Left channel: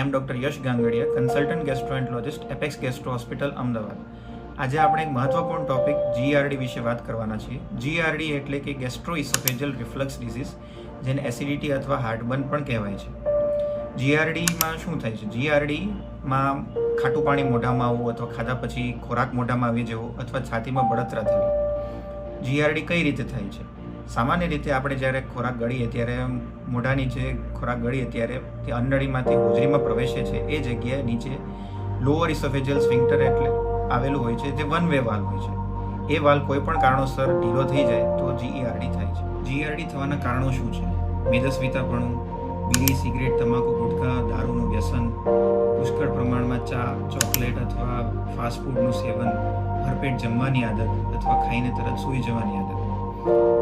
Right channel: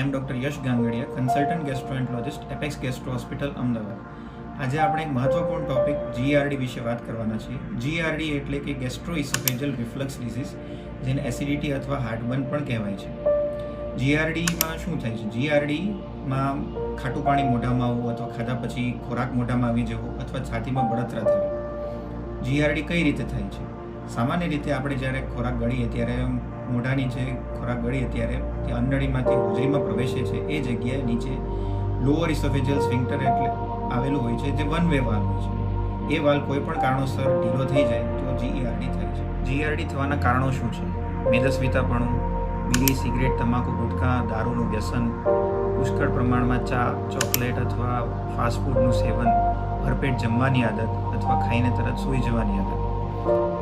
I am doctor Yash Gangadia, consultant gastroenterologist, apex gastro hospital, Ahmedabad. આજે આપણે એક મહત્વપૂર્ણ ટોપિક GERD વિશે વાત કરવાના છીએ. GERD એટલે કે ગેસ્ટ્રોઇસોફેજલ રિફ્લક્સ ડિસીઝ, જેને એસિડિટી અથવા હાર્ટબર્ન પણ કહેવાય છે. GERDમાં શું થાય છે? GERDમાં ખાટું પાણી મોઢામાં આવવું અથવા ખાધા પછી ખોરાક મોઢામાં આવી જવો અથવા છાતીમાં બળતરા થવી. GERD કઈ રીતે થાય છે? સામાન્ય રીતે આપણે જ્યારે ખોરાક ગળીએ ત્યારે મોઢાની જે ખોરાક ગળીએ ત્યારે તે અન્નળીમાંથી હોજરીમાં પ્રવેશે છે એ જગ્યાએ નીચે લોઅર ઇસોફેજલ સ્ફિન્ક્ટર એટલે આવેલું હોય છે, જે વન વે વાલ્વ હોય છે. એ વાલ્વ કોઈ પણ કારણોસર ઢીલો થઈ જાય તો GERD થાય છે. GERD થવાના કારણો શું છે? મેદસ્વીતાપણું, બીડી, સિગરેટ, તમાકુ, ગુટખા, દારૂનું વ્યસન, પુષ્કળ પ્રમાણમાં ચા, ચોકલેટ અથવા ફાસ્ટ ફૂડનું સેવન, ભરપેટ જમવાની આદત અથવા ખાઈને તરત સૂઈ જવાની આદત.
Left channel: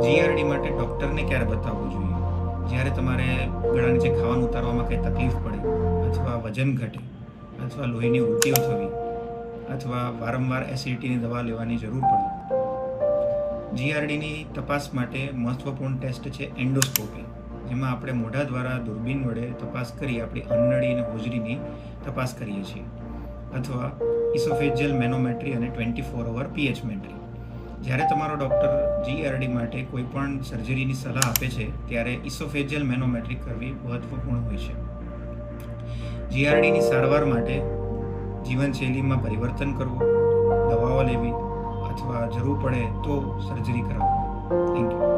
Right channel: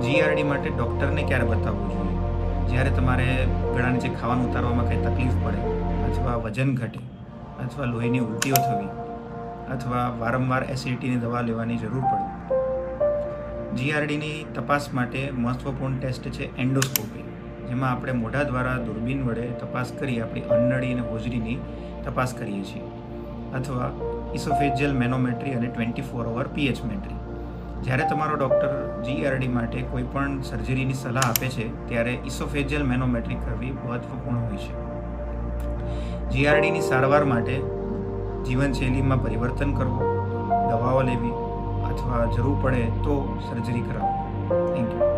GERD માટે ડૉક્ટરને ક્યારે બતાવવું જોઈએ? જ્યારે તમારે ગળા નીચે ખાવાનું ઉતારવામાં કંઈ તકલીફ પડે, અથવા વજન ઘટે, અથવા લોહીની ઉલટીઓ થવી, અથવા વારંવાર એસિડિટીની દવા લેવાની જરૂર પડે. GERDની તપાસ માટે મહત્વપૂર્ણ ટેસ્ટ છે એન્ડોસ્કોપી, જેમાં આપણે મોઢા દ્વારા દૂરબીન વડે તપાસ કરી આપણી અન્નળી અને હોજરીની તપાસ કરીએ છીએ, અથવા ઇસોફેજિયલ મેનોમેટ્રી અને 24 અવર pH મેટ્રી. જ્યારે તમારો ડૉક્ટર GERD માટે કોઈ પણ સર્જરીની સલાહ આપે છે ત્યારે ઇસોફેજિયલ મેનોમેટ્રી કરવી મહત્વપૂર્ણ હોય છે. GERDની સારવાર માટે જીવનશૈલીમાં પરિવર્તન કરવું, દવાઓ લેવી અથવા જરૂર પડે તો સર્જરી કરાવવી. Thank you.